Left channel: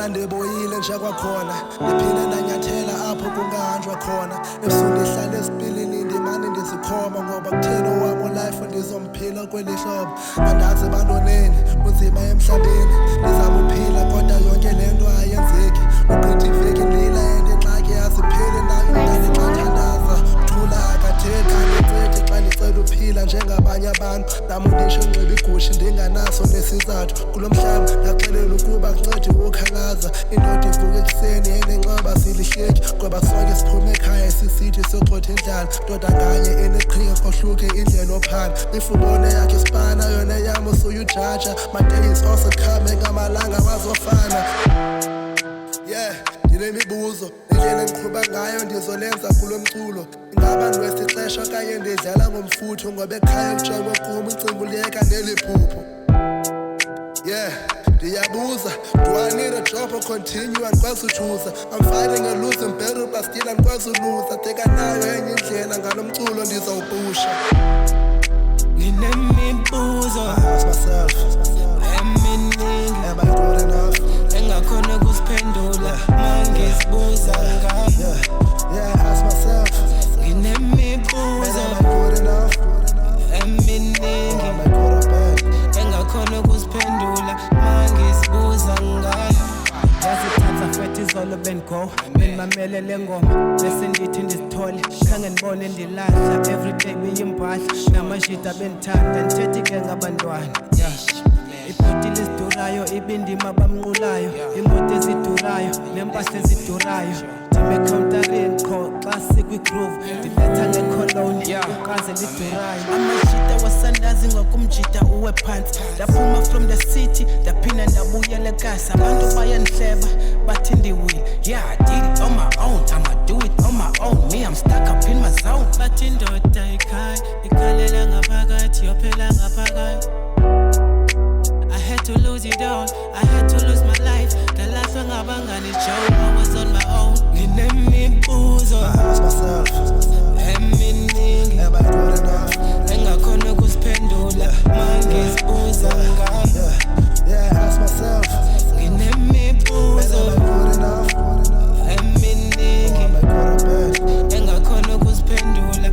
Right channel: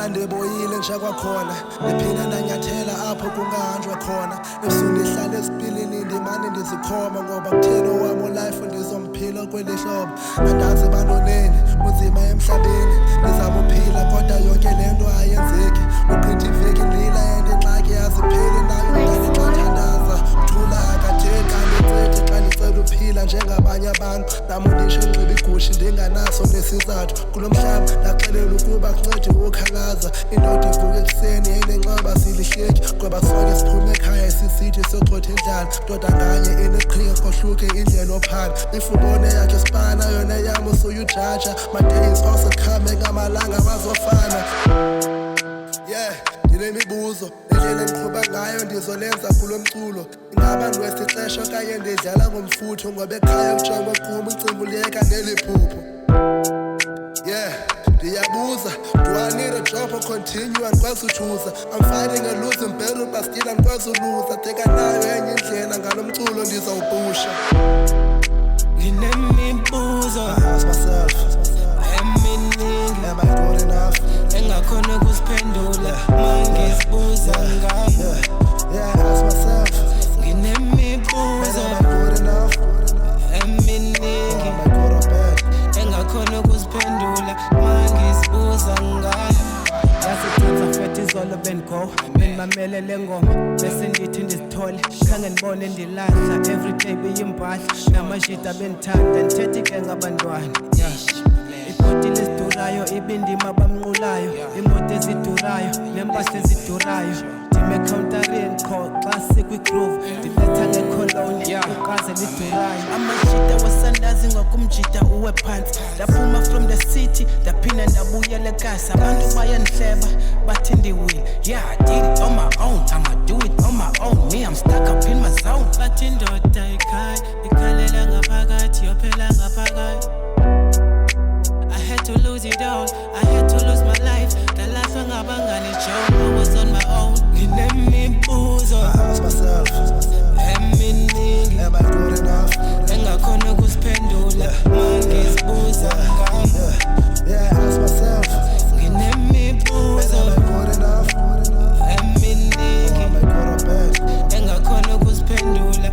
Ngibona ndiboyile nje kwakhona ndiphinde ndanyathela apho kungahanjwa khona ebusuku ndihlala esipilini ndimane ndizikhoma ngoba kutheni owami life ndizomphila kweli hlobo andazi bantwaneni kunzima emhlabeni ndizama uphila kodwa yonke lento ayenzeki uqitha iveki ndlila ingxaki azipheli nayo umntana xathandaza uthula akathethi andincithi xa ndicela uphila njengabanye abantu nami ndisho nxiba igushi ndinganaso nesizathu kulo mhlaba ndaxelela ukuba kuncedi ukhalaza indoda ivuka ekuseni enenxeba silihleki ngoba sonke siphume ekhaya sisithi sogxotha indlala ndoda nganye eneqhinga kohluke indlela ophala ifubone yakhe sipana yona yami usuyujaja my day is also coming amalanga wazofana yeah ndinemibuzo indlela engiqhuba ngayo ndizolenza kulo mculo ingaba ndwesixesha kanye ndidlala ngomfutho ngoba ekhaya kujongwe kum incimbi uliyeka neliphupho yeah ndiyabuza do I need a job or continue andikwazi uchuza I'm fighting a losing battle but still andikwazi uluza tekanayo enye indlela ngalo mculo ndizawupusha nginemibuzo ask myself eminingi am I good enough engakhona ukusiphendula mangizibuza ngami yeah ask myself nginemibuzo am I good enough eminingi am I good or bad engakhona ukusiphendula mangizibuza ngami yasithatha fethi izolo bengo benimamele le ngoma bese ndithi ndizithole khange ndibone ndilahla everyday beyimpahla namashita benithanda ndithethe-ke ngabantwana ibhotile ezidurayo ibindima bamnqulayo imoto ezidurayo nempahla ezidurayo ndime-countarini qho xa sikwi-groove ndibetha ngecoloni ukaze lidurayo amashita wasandazi ngokumjita uwe phansi ndaphuma from the city ndaphinda ndabuyela ekasi abantu bayandihleba bathi ndiwile yeah I did it on my own I'ma do it on my own me I'm stuck up in my zone bathi indoda ikhaya ikhalela ngaphakathi yophela ngaphakathi I had to lose it all, I had to lose my life. The life ngabangani joke, I was on my own. Nginemibuzo, I ask myself, eminingi am I good enough? engakhona ukusiphendula mangizibuza ngami. Yeah, I ask myself, nginemibuzo, am I good enough? eminingi Am I good or bad? engakhona ukusiphendula